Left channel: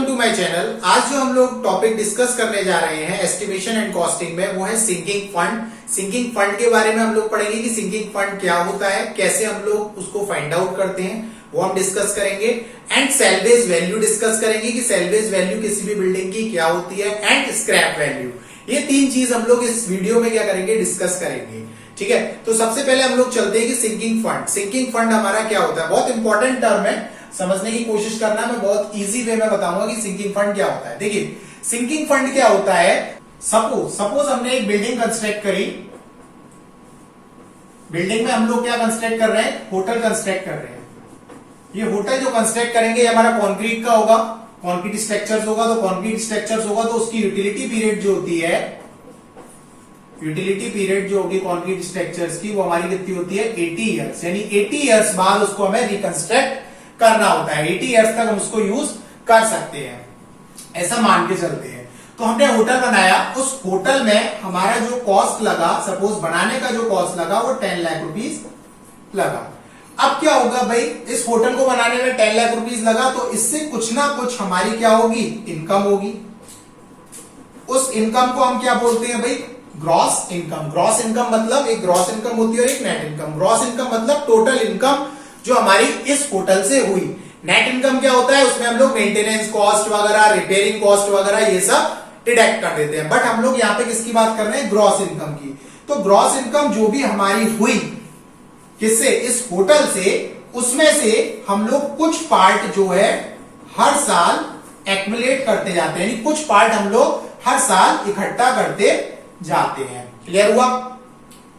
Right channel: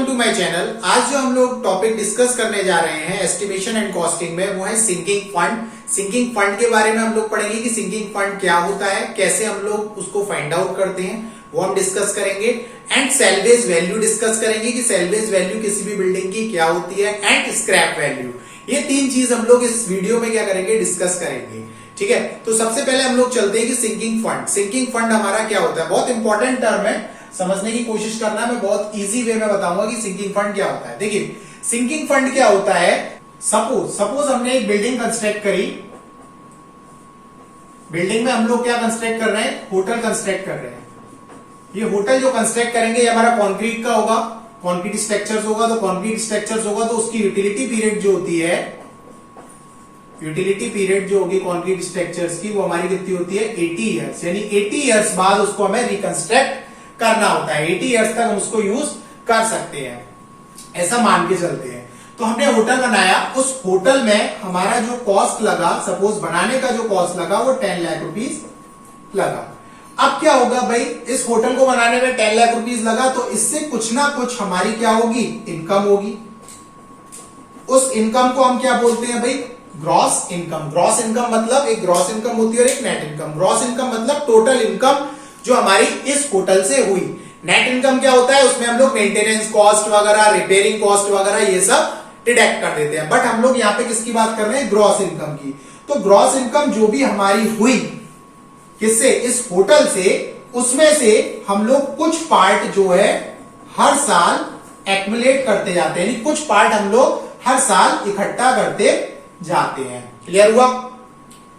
Welcome to my channel. आज जो हम लोग टॉपिक डिस्कस करने जा रहे हैं एस्टिमेशन एंड कॉस्टिंग में, वो है सिंकिंग फंड। सिंकिंग फंड के बारे में हम लोग पढ़ेंगे कि सिंकिंग फंड क्या होता है, कैसे हम लोग उसको फाइंड आउट करते हैं, वो हम डिस्कस करेंगे। एंड सेल्वेज वैल्यू डिस्कस करेंगे कि सेल्वेज वैल्यू किसी भी बिल्डिंग की क्या होती है, एंड स्क्रैप वैल्यू। ये तीन चीज हम लोग इस वीडियो में क्या करेंगे, डिस्कस करेंगे। ठीक है, तो सबसे पहले हम लोग चलते हैं कि सिंकिंग फंड। सिंकिंग फंड हमारा क्या होता है, बहुत इंपॉर्टेंट टर्म है, समझने की कोशिश करना। मैं बहुत इजी वे में बताऊंगा कि सिंकिंग फंड क्या होता है। देखिए, सिंकिंग फंड क्या होता है, सपोज हमने एक बिल्डिंग कंस्ट्रक्ट करी। बिल्डिंग में हम लोग क्या कंस्ट्रक्ट कर रहे हैं, होटल कंस्ट्रक्ट कर रहे हैं। ये होटल जो कंस्ट्रक्ट करेंगे, ये हमारा कॉन्क्रीट का होगा, कॉन्क्रीट स्ट्रक्चर्स होगा। तो कॉन्क्रीट स्ट्रक्चर्स होगा तो उसकी यूटिलिटी पीरियड जो होती है, यूटिलिटी पीरियड जो होगी कॉन्क्रीट स्ट्रक्चर्स की, वो हमारी कितनी होती है, 80 ईयर्स। यानी 80 ईयर्स बाद उसको हमें रिकंस्ट्रक्ट करना होता है। 80 ईयर्स तक हम उसको यूज कर सकते हैं, ऐसा मान के चलते हैं। तो हमने होटल बनाया, उस होटल में हमारा जो कॉस्ट लगा, सपोज बनाने का जो कॉस्ट लगा वो 10 लाख रुपीज लगा। अब क्या होगा भाई, इस होटल को बनाने में 10 लाख रुपीज लगा, तो इससे कुछ ना कुछ हमारी क्या होगी, इनकम होगी। उस इनकम को हम क्या बोलते हैं भाई, ग्रॉस इनकम। ग्रॉस इनकम मतलब एक ग्रॉस इनकम होती है और एक नेट इनकम। ग्रॉस इनकम मतलब टोटल इनकम जो हमारी इस होटल से हुई। नेट इनकम क्या होता है, उसमें हम लोग मेंटेनेंस कॉस्ट वगैरह, रिपेयरिंग कॉस्ट वगैरह ये सब डिडक्ट कर देते हैं। बट हम लोग यहाँ पे किसकी बात कर रहे हैं, ग्रॉस इनकम की। तो ग्रॉस इनकम जो भी हमारी हुई किससे, इस होटल से, उसमें से हम लोग कुछ पार्ट जो है हर साल एक्युमुलेट करते जाते हैं। यानी कुछ पार्ट हम लोग हर साल इकट्ठा करते जाते हैं। क्लियर हुआ।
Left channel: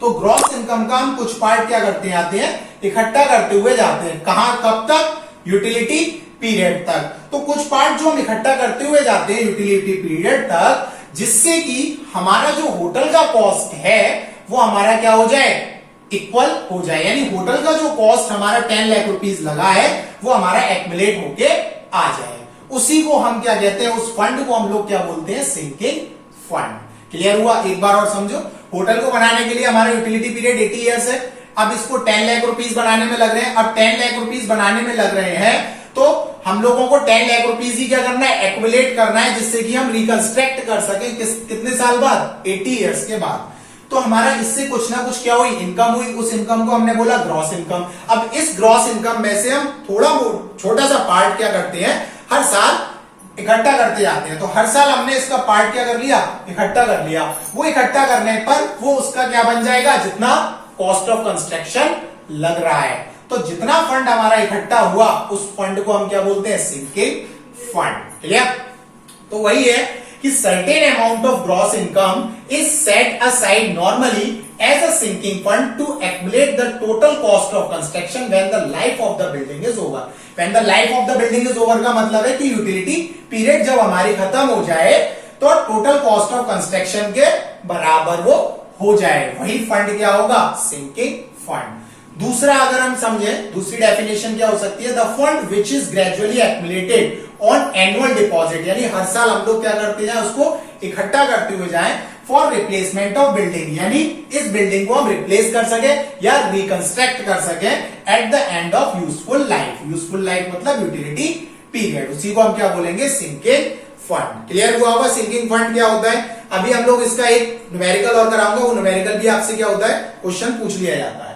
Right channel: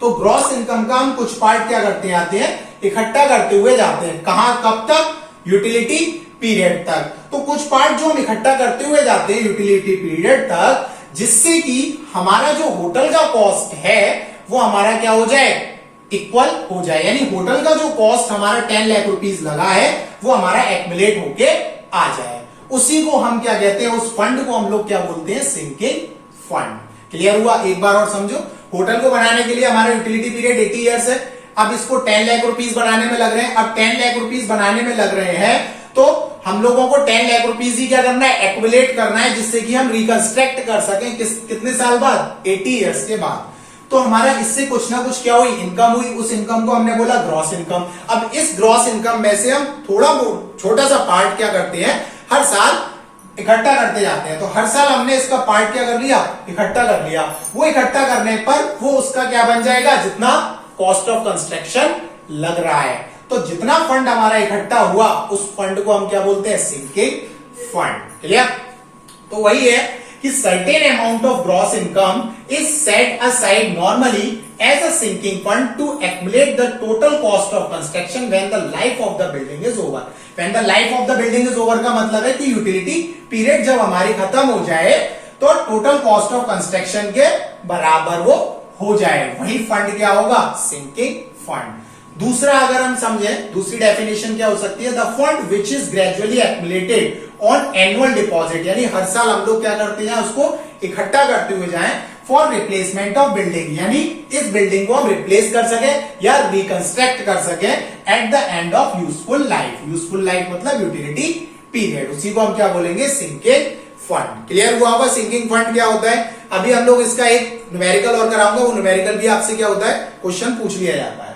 तो ग्रॉस इनकम का हम कुछ पार्ट क्या करते जाते हैं, इकट्ठा करते हुए जाते हैं। कहां, कब तक, यूटिलिटी पीरियड तक। तो कुछ पार्ट जो हम इकट्ठा करते हुए जाते हैं यूटिलिटी पीरियड तक, जिससे कि हमारा जो होटल का कॉस्ट है वो हमारा क्या हो जाए, इक्वल हो जाए। यानी होटल का जो कॉस्ट हमारा 10 लाख रुपीज लगा है वो हमारा एक्युमुलेट होके आ जाए। उसी को हम क्या कहते हैं, उस फंड को हम लोग क्या बोलते हैं, सिंकिंग फंड। क्लियर हुआ। एक बार और समझो, होटल को बनाने के लिए हमारा यूटिलिटी पीरियड 80 ईयर्स है। अब इसको 10 लाख रुपीज बनाने में लग रहे हैं। अब 10 लाख रुपीज बनाने में लग रहे हैं तो हम लोगों को 10 लाख रुपीज ही क्या करना है, एक्युमुलेट करना है, जिससे कि हम रिकंस्ट्रक्ट कर सकें कितने साल बाद, 80 ईयर्स के बाद। तो हमारा इससे कुछ ना कुछ क्या हुई, इनकम हुई। उस इनकम को हमने बोला ग्रॉस इनकम। अब इस ग्रॉस इनकम में से हम थोड़ा छोटा सा पार्ट क्या करते हैं, हर साल इकट्ठा करते जाते हैं। तो हर साल हमने इसका पार्ट क्या कर लिया, इकट्ठा कर लिया। वो इकट्ठा करने पर वो उसका क्या बन जाएगा, जितना कॉस्ट ऑफ कंस्ट्रक्शन लग रहा है। तो जितना फंड हमारा इकट्ठा हुआ, उस फंड को हम क्या बोलते हैं, सिंकिंग फंड। क्लियर। तो वही है कि certain amount of gross income is set aside normally as a sinking fund to accumulate the total cost of construction when the life of the building is over. When the life of the building is over का मतलब है कि utility period जब हमारी खत्म हो जाए तो टोटल कॉस्ट ऑफ कंस्ट्रक्शन के बराबर वो हो जाए, वही फंड क्या होगा, सिंकिंग फंड। दूसरा अगर हम समझे, दूसरी डेफिनेशन क्या हो सकती है, the fund which is gradually accumulated on annual deposit. यानी हर साल हम लोग क्या करते हैं, उसको इकट्ठा करते हुए जाएं फॉर रिप्लेसमेंट ऑफ बिल्डिंग। यानी इस बिल्डिंग को हम रिप्लेस कर सके या रिकंस्ट्रक्ट कर सके at the end of useful life. Useful life मतलब यूटिलिटी पीरियड, उसी को हम क्या बोलेंगे, सिंकिंग फंड। क्लियर हुआ होगा सिंकिंग फंड क्या होता है। अभी हम लोग इसका एक न्यूमेरिकल और कराऊंगा, वो न्यूमेरिकल भी आपसे क्या होता है, क्वेश्चन पूछ लिया जाता है।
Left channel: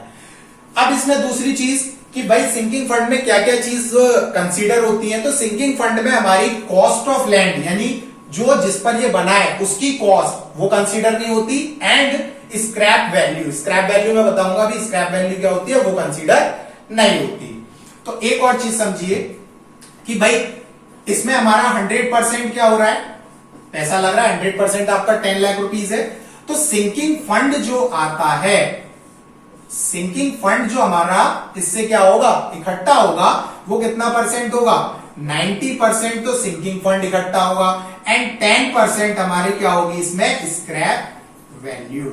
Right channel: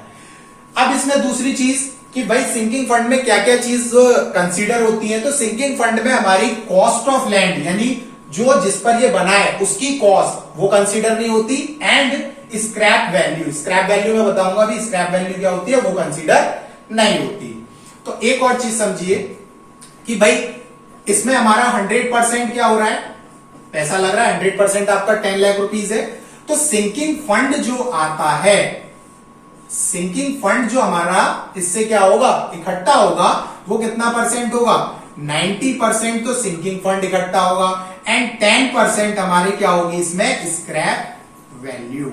अब इसमें दूसरी चीज कि भाई सिंकिंग फंड में क्या क्या चीज कंसीडर होती है। तो सिंकिंग फंड में हमारी कॉस्ट ऑफ लैंड, यानी जो जिस पर ये बना है उसकी कॉस्ट वो कंसीडर नहीं होती। And scrap value, scrap value में बताऊंगा भी स्क्रैप वैल्यू क्या होती है, वो कंसीडर नहीं होती। तो एक और चीज समझिए कि भाई इसमें हमारा 100% क्या हो रहा है, पैसा लग रहा है, 100% आपका 10 लाख रुपीज है। तो सिंकिंग फंड जो आता है, सिंकिंग फंड जो हमारा इससे क्या होगा, इकट्ठा होगा, वो कितना परसेंट होगा, 90% तो सिंकिंग फंड इकट्ठा होगा। एंड 10% हमारी क्या होगी इसमें, स्क्रैप वैल्यू।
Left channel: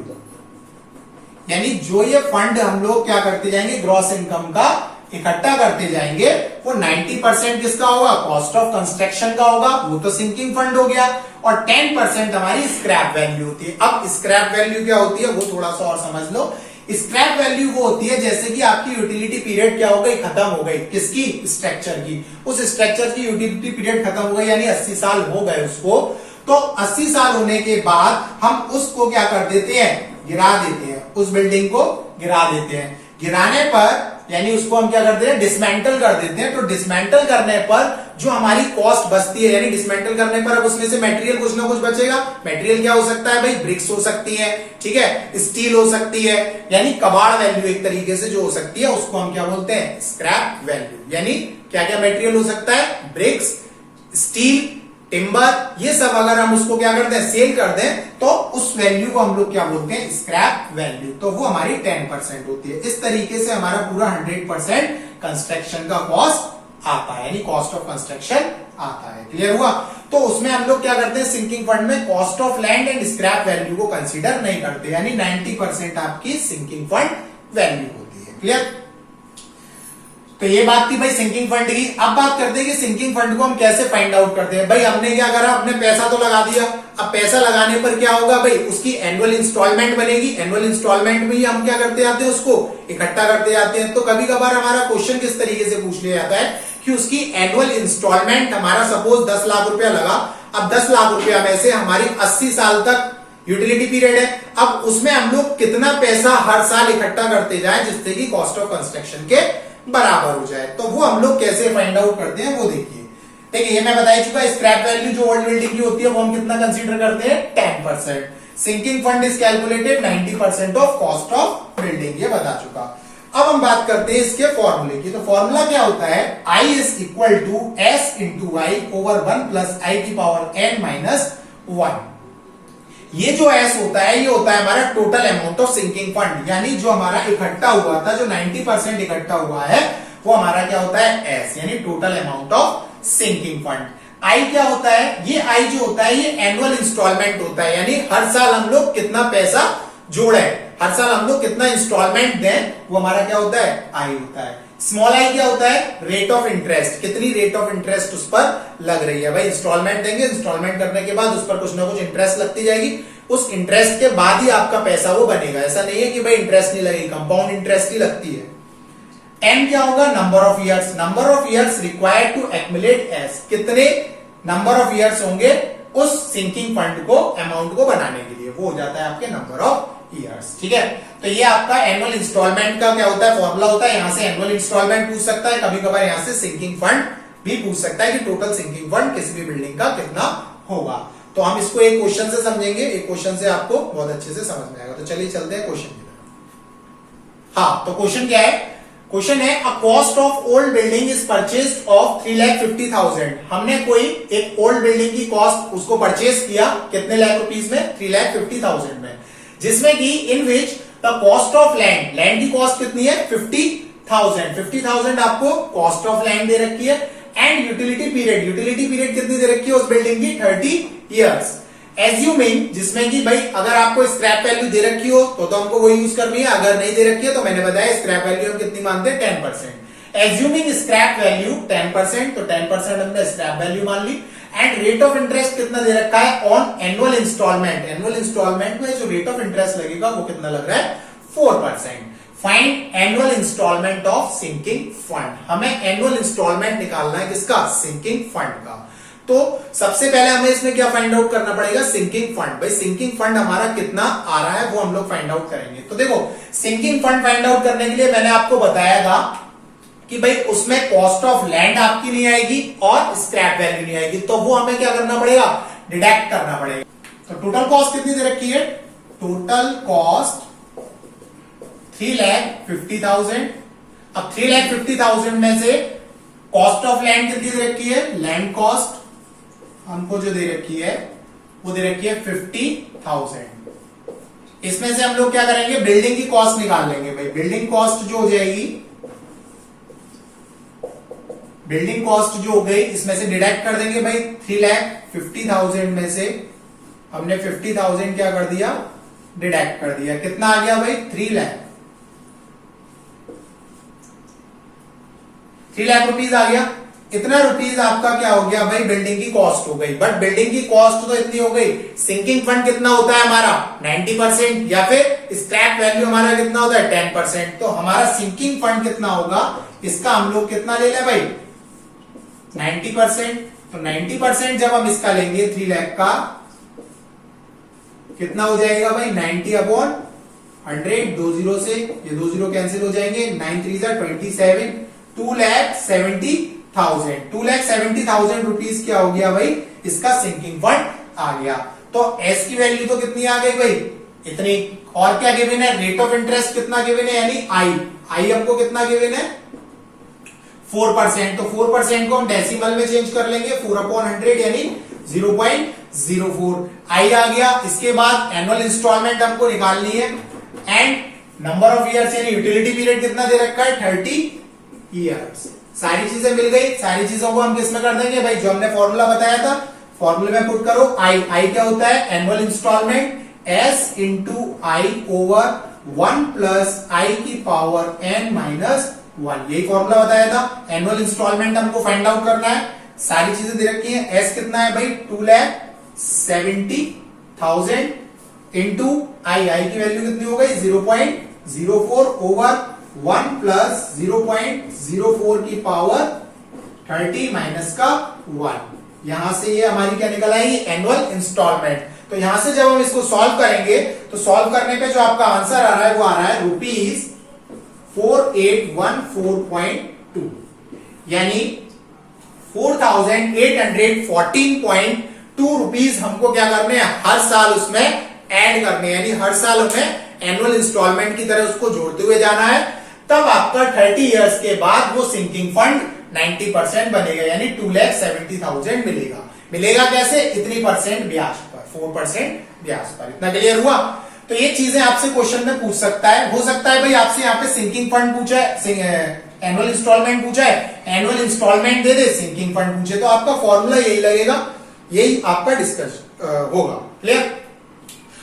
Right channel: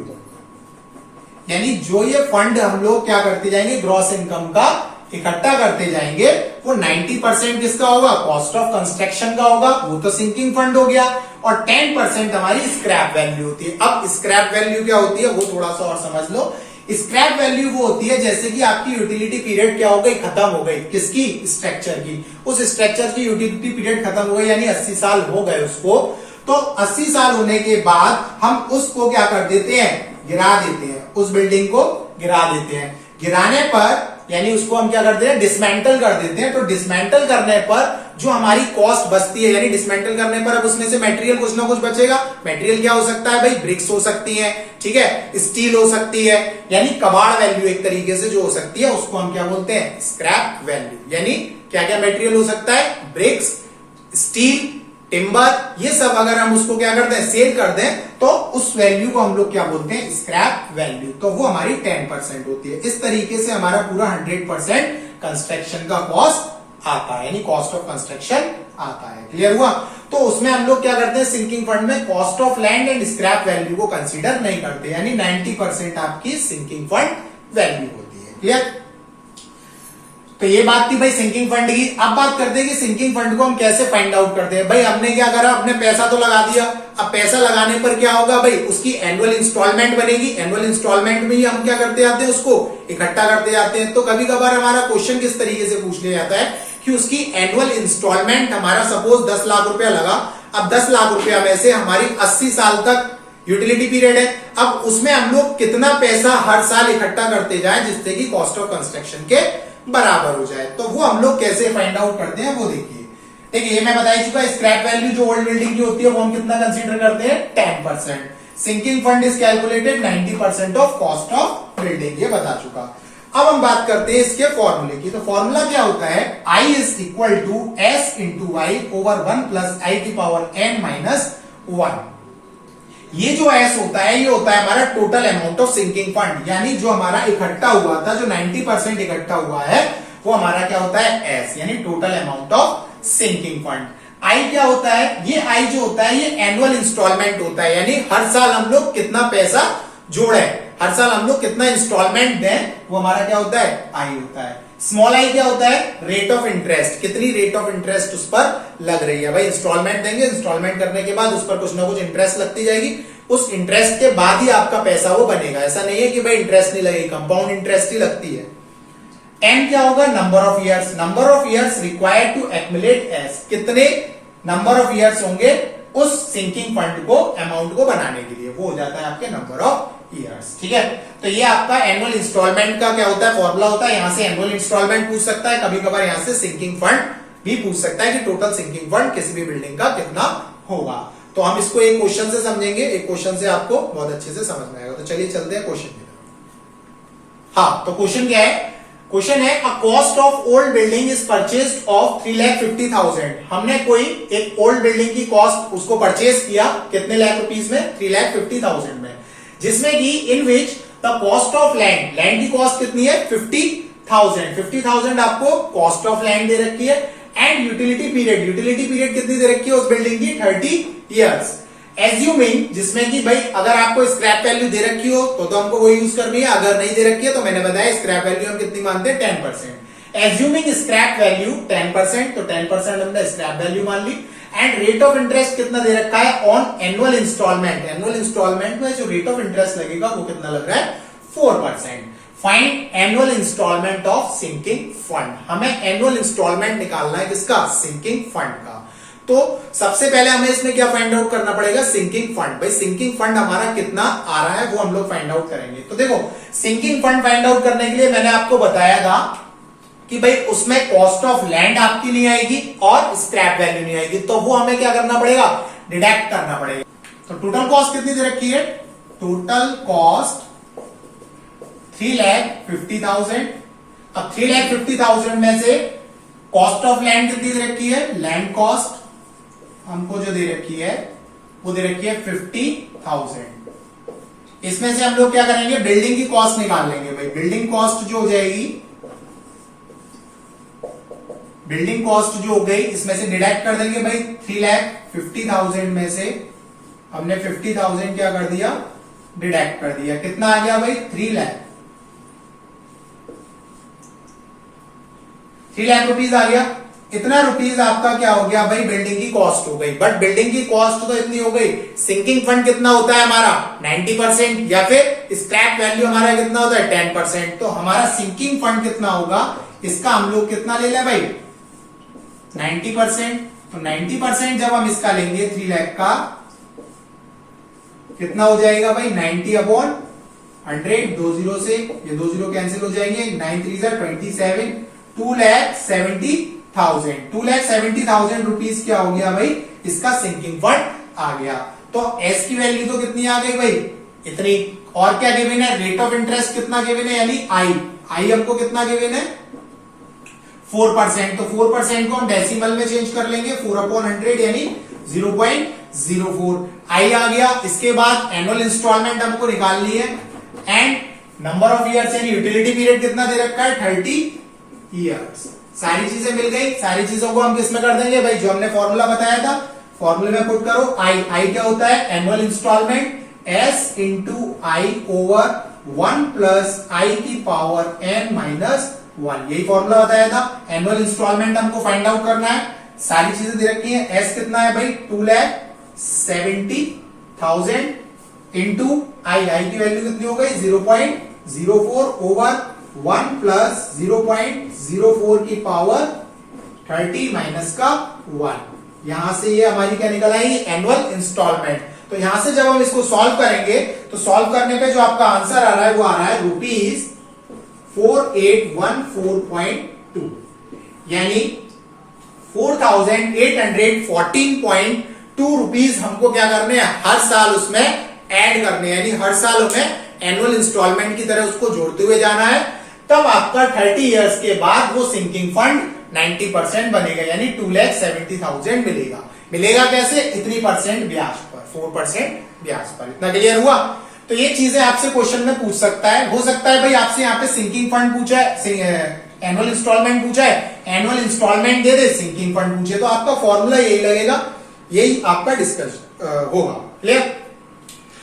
यानी जो ये फंड हम लोग क्या करते जाएंगे, ग्रॉस इनकम का इकट्ठा करते जाएंगे, वो 90% किसका होगा, कॉस्ट ऑफ कंस्ट्रक्शन का होगा, वो तो सिंकिंग फंड हो गया। और 10% हमारी स्क्रैप वैल्यू होती है। अब स्क्रैप वैल्यू क्या होती है, वो थोड़ा सा और समझ लो स्क्रैप वैल्यू वो होती है जैसे कि आपकी यूटिलिटी पीरियड क्या हो गई, खत्म हो गई, किसकी, स्ट्रक्चर की। उस स्ट्रक्चर की यूटिलिटी पीरियड खत्म हो गई, यानी 80 साल हो गए उसको। तो 80 साल होने के बाद हम उसको क्या कर देते हैं, गिरा देते हैं, उस बिल्डिंग को गिरा देते हैं। गिराने पर यानी उसको हम क्या करते हैं, डिसमेंटल कर देते हैं। तो डिसमेंटल करने पर जो हमारी कॉस्ट बचती है, यानी डिसमेंटल करने पर अब उसमें से मटेरियल कुछ ना कुछ बचेगा। मटेरियल क्या हो सकता है भाई, ब्रिक्स हो सकती है, ठीक है, स्टील हो सकती है, यानी कबाड़ वैल्यू एक तरीके से जो हो सकती है उसको हम क्या बोलते हैं, स्क्रैप वैल्यू। यानी क्या क्या मटेरियल हो सकता है, ब्रिक्स, स्टील, टिम्बर, ये सब अगर हम उसको क्या करते हैं, सेल कर दें, तो उस वैल्यू को हम लोग क्या बोलते हैं, स्क्रैप वैल्यू। तो वो हमारी 10% होती है। इस तरीके से हमारा पूरा 100% कंस्ट्रक्शन का कॉस्ट आता है, यानी कॉस्ट ऑफ कंस्ट्रक्शन आता है। क्लियर हुआ? तो उसमें हम लोग क्या करते हैं, सिंकिंग फंड में cost of land and scrap value को कंसीडर नहीं करते, यानी 90% आपकी सिंकिंग फंड वैल्यू होती है। क्लियर? तो ये बात थी भाई सिंकिंग फंड की। अब बात करते हैं कि सिंकिंग फंड को हम कैसे फाइंड आउट करते हैं। भाई हमने क्या करा, अपने पैसा तो लगा दिया। अब पैसा लगाने पर क्या होगा भाई, उसकी एनुअल इंस्टॉलमेंट बनेगी। एनुअल इंस्टॉलमेंट में ही हम क्या करते जाते हैं, उसको इकट्ठा करते जाते हैं। तो कभी कभार हमारा क्वेश्चन किस तरीके से पूछ लिया जाता है कि उसकी एनुअल इंस्टॉलमेंट हमारा सपोज 10 लाख रुपया लगा। अब 10 लाख रुपया में से हमारी 80 साल तक यूटिलिटी पीरियड है। अब उसमें हम लोग कितना पैसा हर साल इकट्ठा करते जाएं जिससे कि कॉस्ट ऑफ कंस्ट्रक्शन के बराबर हो जाए। तो वो हम लोग कैसे फाइंड आउट करते हैं वो देखिए। देखिए ये मैं बता ही चुका, स्क्रैप वैल्यू जो ओल्ड बिल्डिंग की होती है वो हम कितना कंसीडर करते हैं, 10%। Sinking fund is calculated 90% of cost of building, ये बता चुका। अब हम बात करते हैं इसके फॉर्मूले की। तो फॉर्मूला क्या होता है, I is equal to S into I over 1 plus I की पावर n माइनस 1। ये जो S होता है ये होता है हमारा total amount of sinking fund, यानी जो हमारा इकट्ठा हुआ था, जो 90% इकट्ठा हुआ है वो हमारा क्या होता है, S, यानी total amount of sinking fund. I क्या होता है, ये I जो होता है ये एनुअल इंस्टॉलमेंट होता है, यानी हर साल हम लोग कितना पैसा जोड़े, हर साल हम लोग कितना इंस्टॉलमेंट दें, वो हमारा क्या होता है, I होता है। स्मॉल आई क्या होता है, रेट ऑफ इंटरेस्ट, कितनी रेट ऑफ इंटरेस्ट उस पर लग रही है। भाई इंस्टॉलमेंट देंगे, इंस्टॉलमेंट करने के बाद उस पर कुछ ना कुछ इंटरेस्ट लगती जाएगी, उस इंटरेस्ट के बाद ही आपका पैसा वो बनेगा। ऐसा नहीं है कि भाई इंटरेस्ट नहीं लगेगी, कंपाउंड इंटरेस्ट ही लगती है। एन क्या होगा, number of years, number of years required to accumulate S, कितने नंबर ऑफ ईयर्स होंगे उस सिंकिंग फंड को, अमाउंट को बनाने के लिए, वो हो जाता है आपके नंबर ऑफ ईयर्स। ठीक है, तो ये आपका एनुअल इंस्टॉलमेंट का क्या होता है, फॉर्मूला होता है। यहां से एनुअल इंस्टॉलमेंट पूछ सकता है, कभी कभार यहां से सिंकिंग फंड भी पूछ सकता है कि टोटल सिंकिंग फंड किसी भी बिल्डिंग का कितना होगा। तो हम इसको एक क्वेश्चन से समझेंगे, एक क्वेश्चन से आपको बहुत अच्छे से समझ में आएगा। तो चलिए चलते हैं क्वेश्चन की तरफ। हाँ, तो क्वेश्चन क्या है, क्वेश्चन है a cost of old building is purchase of 3,50,000। हमने कोई एक ओल्ड बिल्डिंग की कॉस्ट उसको परचेज किया, कितने लाख रुपीस में, 3,50,000 में, जिसमें कि in which the cost of land, land की कॉस्ट कितनी है, 50,000। 50,000 आपको कॉस्ट ऑफ लैंड दे रखी है। And utility period, utility period कितनी दे रखी है उस बिल्डिंग की, 30 ईयर्स। एज्यूमिंग, जिसमें कि भाई अगर आपको स्क्रैप वैल्यू दे रखी हो तो हमको वो यूज करनी है, अगर नहीं दे रखी है तो मैंने बताया स्क्रैप वैल्यू हम कितनी मानते हैं, 10%। एज्यूमिंग स्क्रैप वैल्यू 10%, तो 10% हमने स्क्रैप वैल्यू मान ली। एंड रेट ऑफ इंटरेस्ट कितना दे रखा है on annual instalment, annual instalment में जो रेट ऑफ इंटरेस्ट लगेगा वो कितना लग रहा है, 4%। Find annual instalment of sinking fund, हमें एनुअल इंस्टॉलमेंट निकालना है किसका, सिंकिंग फंड का। तो सबसे पहले हमें इसमें क्या फाइंड आउट करना पड़ेगा, सिंकिंग फंड। भाई सिंकिंग फंड हमारा कितना आ रहा है वो हम लोग फाइंड आउट करेंगे। तो देखो सिंकिंग फंड फाइंड आउट करने के लिए मैंने आपको बताया था कि भाई उसमें कॉस्ट ऑफ लैंड आपकी नहीं आएगी और स्क्रैप वैल्यू नहीं आएगी, तो वो हमें क्या करना पड़ेगा, डिडक्ट करना पड़ेगा। तो टोटल कॉस्ट कितनी दे रखी है, टोटल कॉस्ट 3,50,000। अब 3,50,000 में से कॉस्ट ऑफ लैंड कितनी दे रखी है, लैंड कॉस्ट हमको जो दे रखी है वो दे रखी है 50,000। इसमें से हम लोग क्या करेंगे, बिल्डिंग की कॉस्ट निकाल लेंगे। भाई बिल्डिंग कॉस्ट जो हो जाएगी, बिल्डिंग कॉस्ट जो हो गई इसमें से डिडक्ट कर देंगे। भाई 3,50,000 में से हमने 50,000 क्या कर दिया, डिडक्ट कर दिया। कितना आ गया भाई, 3 लाख, 3 लाख रुपीज आ गया। इतना रुपीज आपका क्या हो गया भाई, बिल्डिंग की कॉस्ट हो गई। बट बिल्डिंग की कॉस्ट तो इतनी हो गई, सिंकिंग फंड कितना होता है हमारा 90%, या फिर स्क्रैप वैल्यू हमारा कितना होता है 10%। तो हमारा सिंकिंग फंड कितना होगा, इसका हम लोग कितना ले लें भाई 90%। तो 90% जब हम इसका लेंगे 3 लाख का, कितना हो जाएगा भाई 90/100, 2 जीरो से ये 2 जीरो कैंसिल हो जाएंगे, 9 3 27, 2,70,000। 2,70,000 रुपीज क्या हो गया भाई, इसका सिंकिंग फंड आ गया। तो एस की वैल्यू तो कितनी आ गई भाई, इतनी। और क्या गिवन है, रेट ऑफ इंटरेस्ट कितना गिवन है, यानी आई हमको कितना गिवन है 4%। तो 4% को हम डेसिमल में चेंज कर लेंगे, 4/100 यानी 0.04 आई आ गया। इसके बाद एनुअल इंस्टॉलमेंट हमको निकालनी है, एंड नंबर ऑफ ईयर्स यानी यूटिलिटी पीरियड कितना दे रखा है 30 ईयर्स। सारी चीजें मिल गई, सारी चीजों को हम किसमें कर देंगे भाई, जो हमने फॉर्मूला बताया था फॉर्मूले में पुट करो। आई क्या होता है, annual instalment S into I over 1 plus I की पावर n-1, यही फॉर्मूला बताया था। एनुअल इंस्टॉलमेंट हमको फाइंड आउट करना है, सारी चीजें दे रखी है। एस कितना है भाई 2,70,000 इंटू आई की वैल्यू कितनी हो गई 0.04 ओवर 1 प्लस 0.04 की पावर 30 माइनस का 1। यहां से ये हमारी क्या निकल आएगी एनुअल इंस्टॉलमेंट। तो यहां से जब हम इसको सॉल्व करेंगे तो सॉल्व करने पे जो आपका आंसर आ रहा है वो आ रहा है ₹4814.2, यानी 4,814.2 रुपीज हमको क्या करने हैं, हर साल उसमें ऐड करने हैं, यानी हर साल हमें एनुअल इंस्टॉलमेंट की तरह उसको जोड़ते हुए जाना है। तब आपका 30 इयर्स के बाद वो सिंकिंग फंड 90% बनेगा, यानी 2,70,000 मिलेगा। मिलेगा कैसे, इतनी परसेंट ब्याज पर, 4% ब्याज पर। इतना क्लियर हुआ। तो ये चीजें आपसे क्वेश्चन में पूछ सकता है। हो सकता है भाई आपसे यहाँ पे सिंकिंग फंड पूछा है, एनुअल इंस्टॉलमेंट पूछा है, एनुअल इंस्टॉलमेंट दे दे, सिंकिंग फंड पूछे, तो आपका फॉर्मूला यही लगेगा, यही आपका डिस्कस होगा। क्लियर।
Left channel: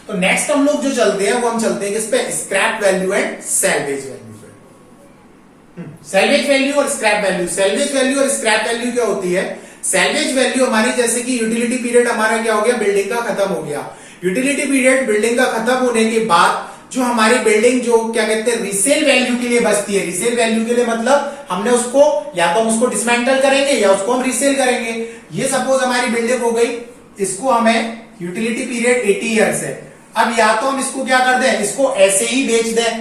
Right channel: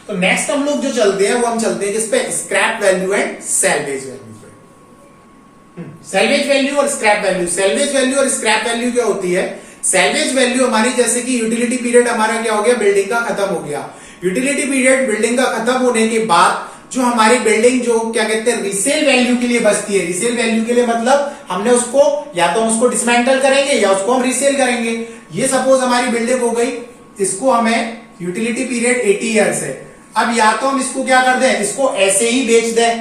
तो नेक्स्ट हम लोग जो चलते हैं वो हम चलते हैं किस पे, scrap value and salvage value पे। सैल्वेज वैल्यू और स्क्रैप वैल्यू। सैल्वेज वैल्यू और स्क्रैप वैल्यू क्या होती है, सैल्वेज वैल्यू हमारी, जैसे कि यूटिलिटी पीरियड हमारा क्या हो गया, बिल्डिंग का खत्म हो गया। यूटिलिटी पीरियड बिल्डिंग का खत्म होने के बाद जो हमारी बिल्डिंग जो क्या कहते हैं रीसेल वैल्यू के लिए बचती है, रीसेल वैल्यू के लिए मतलब हमने उसको या तो हम उसको डिसमेंटल करेंगे या उसको हम रीसेल करेंगे। ये सपोज हमारी बिल्डिंग हो गई, इसको हमें यूटिलिटी पीरियड 80 ईयर्स है। अब या तो हम इसको क्या कर दें, इसको ऐसे ही बेच दें,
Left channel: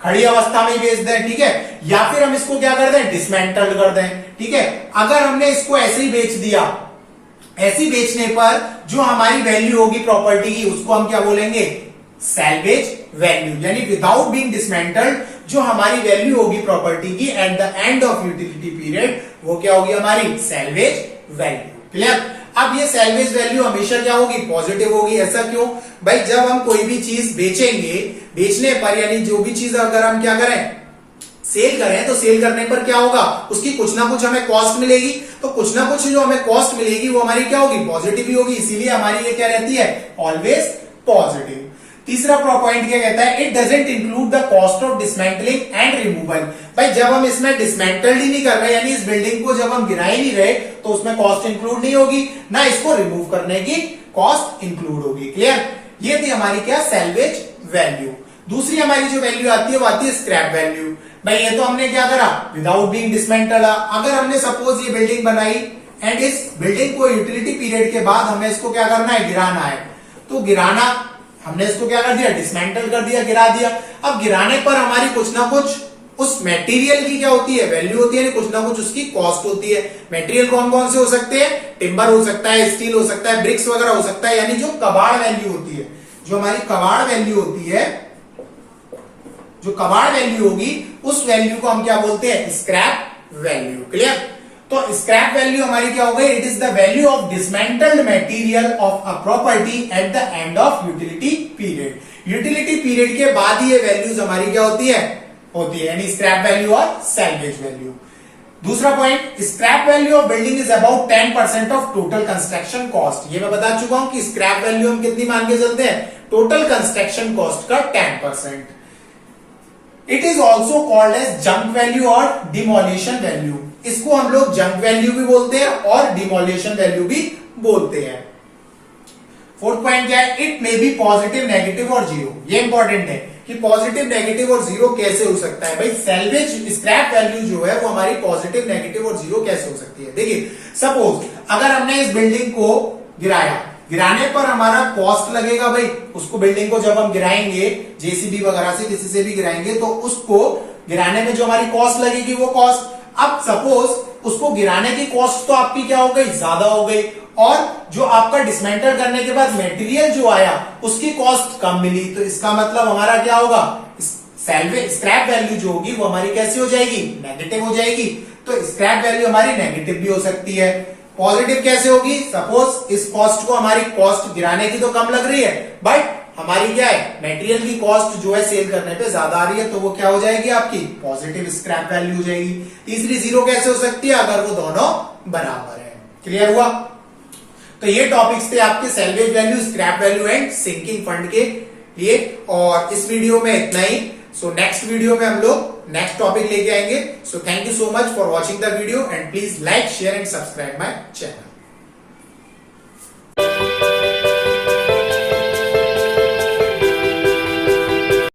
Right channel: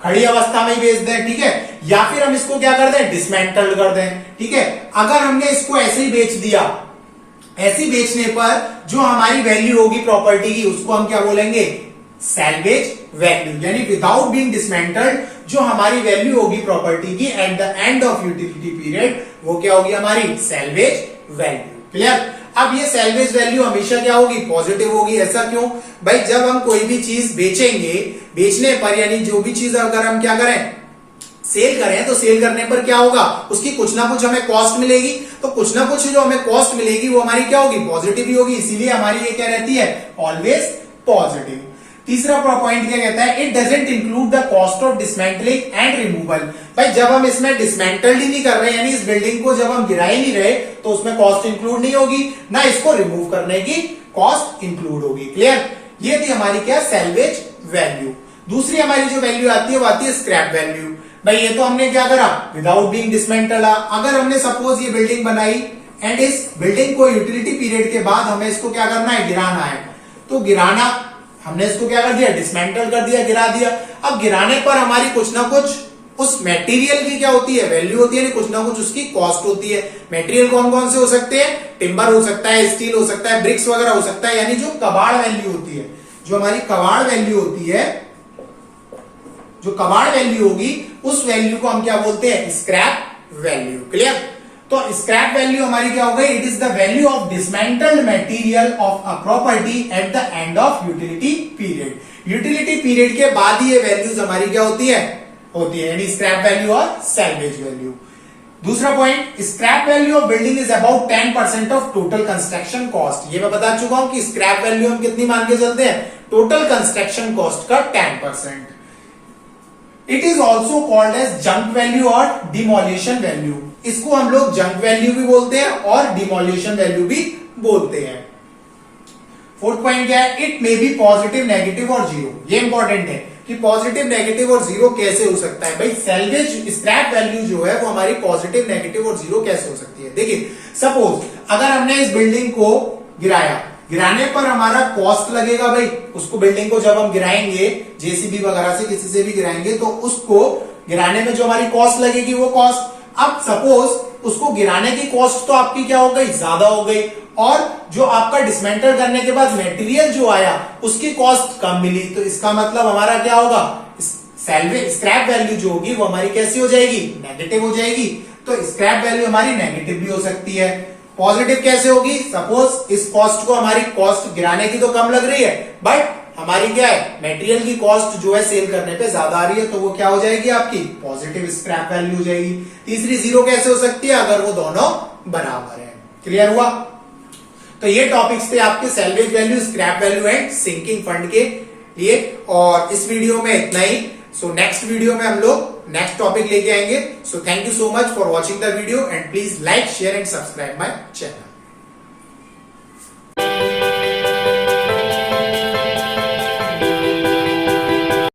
खड़ी अवस्था में ही बेच दें, ठीक है, या फिर हम इसको क्या कर दें, डिसमेंटल कर दें, ठीक है। अगर हमने इसको ऐसे ही बेच दिया, ऐसे बेचने पर जो हमारी वैल्यू होगी प्रॉपर्टी की उसको हम क्या बोलेंगे, सैल्वेज वैल्यू, यानी विदाउट बीइंग डिसमेंटल्ड जो हमारी वैल्यू होगी प्रॉपर्टी की at the end of utility period वो क्या होगी हमारी सैल्वेज वैल्यू। क्लियर। अब ये सैल्वेज वैल्यू हमेशा क्या होगी, पॉजिटिव होगी। ऐसा क्यों भाई, जब हम कोई भी चीज बेचेंगे, बेचने पर यानी जो भी चीज अगर हम क्या करें सेल करें, तो सेल करने पर क्या होगा, उसकी कुछ ना कुछ हमें कॉस्ट मिलेगी। तो कुछ ना कुछ जो हमें कॉस्ट मिलेगी वो हमारी क्या होगी, पॉजिटिव ही होगी। इसीलिए हमारी ये क्या रहती है, ऑलवेज पॉजिटिव। तीसरा पॉइंट क्या कहता है, it doesn't include the cost of dismantling and removal. भाई जब हम इसमें डिसमेंटल ही नहीं कर रहे, यानी इस बिल्डिंग को जब हम गिरा ही नहीं रहे, तो उसमें कॉस्ट इंक्लूड नहीं होगी, ना इसको रिमूव करने की कॉस्ट इंक्लूड होगी। क्लियर। ये थी हमारी क्या, सैल्वेज वैल्यू। दूसरी हमारी जो वैल्यू आती है वो आती है स्क्रैप वैल्यू। भाई ये तो हमने क्या करा, विदाउट बीइंग डिसमेंटल। अगर हमने सपोज ये बिल्डिंग बनाई एंड इस बिल्डिंग को यूटिलिटी पीरियड के बाद हमें इसको क्या करना है, गिराना है। तो गिराना हमने इसको क्या कर दिया, डिसमेंटल कर दिया, गिरा दिया। अब गिराने पर हमारी कुछ ना कुछ उस मटेरियल की क्या होती है, वैल्यू होती है, कुछ ना कुछ उसकी कॉस्ट होती है। मटेरियल कौन कौन से हो सकते हैं, टिम्बर हो सकता है, स्टील हो सकता है, ब्रिक्स वगैरह हो सकता है, यानी जो कबाड़ वैल्यू होती है, जो हमारी कबाड़ वैल्यू होती है, जो कबाड़ वैल्यू होगी उस वैल्यू को हम क्या बोलते हैं, स्क्रैप वैल्यू। क्लियर। तो स्क्रैप वैल्यू हमारी क्या हो गई, it is the value of dismantled material of a property at the end of utility period. Utility period के बाद ही ये वैल्यूज हमारी क्या होती है, यानी स्क्रैप वैल्यू और सैल्वेज वैल्यू। दूसरा point, scrap value of building is about 10% of total construction cost. ये मैं बता चुका हूं कि स्क्रैप वैल्यू हम कितनी मान के चलते हैं, टोटल कंस्ट्रक्शन कॉस्ट का 10%। It is also called as junk value और डिमोलिशन वैल्यू। इसको हम लोग जंक वैल्यू भी बोलते हैं और डिमोलिशन वैल्यू भी बोलते हैं। फोर्थ पॉइंट क्या है, it may be positive, negative और जीरो। ये इंपॉर्टेंट है कि पॉजिटिव, नेगेटिव और जीरो कैसे हो सकता है। भाई सैल्वेज स्क्रैप वैल्यू जो है वो हमारी पॉजिटिव, नेगेटिव और जीरो कैसे हो सकती है। देखिए सपोज अगर हमने इस बिल्डिंग को गिराया, गिराने पर हमारा कॉस्ट लगेगा। भाई उसको बिल्डिंग को जब हम गिराएंगे जेसीबी वगैरह से किसी से भी गिराएंगे तो उसको गिराने में जो हमारी कॉस्ट लगेगी वो कॉस्ट। अब सपोज उसको गिराने की कॉस्ट तो आपकी क्या हो गई, ज्यादा हो गई, और जो आपका डिसमेंटल करने के बाद मटेरियल जो आया उसकी कॉस्ट कम मिली। तो इसका मतलब हमारा क्या होगा, स्क्रैप वैल्यू जो होगी वो हमारी कैसी हो जाएगी, नेगेटिव हो जाएगी। तो स्क्रैप वैल्यू हमारी नेगेटिव भी हो सकती है। पॉजिटिव कैसे होगी, सपोज इस कॉस्ट को, हमारी कॉस्ट गिराने की तो कम लग रही है बट हमारी क्या है, मटेरियल की कॉस्ट जो है सेल करने पे ज्यादा आ रही है, तो वो क्या हो जाएगी आपकी पॉजिटिव स्क्रैप वैल्यू हो जाएगी। तीसरी जीरो कैसे हो सकती है, अगर वो दोनों बराबर है। क्लियर हुआ। तो ये टॉपिक्स थे आपके salvage value, scrap value and sinking fund के लिए, और इस वीडियो में इतना ही। सो नेक्स्ट वीडियो में हम लोग नेक्स्ट टॉपिक लेके आएंगे। So thank you so much for watching the video and please like, share and subscribe my channel.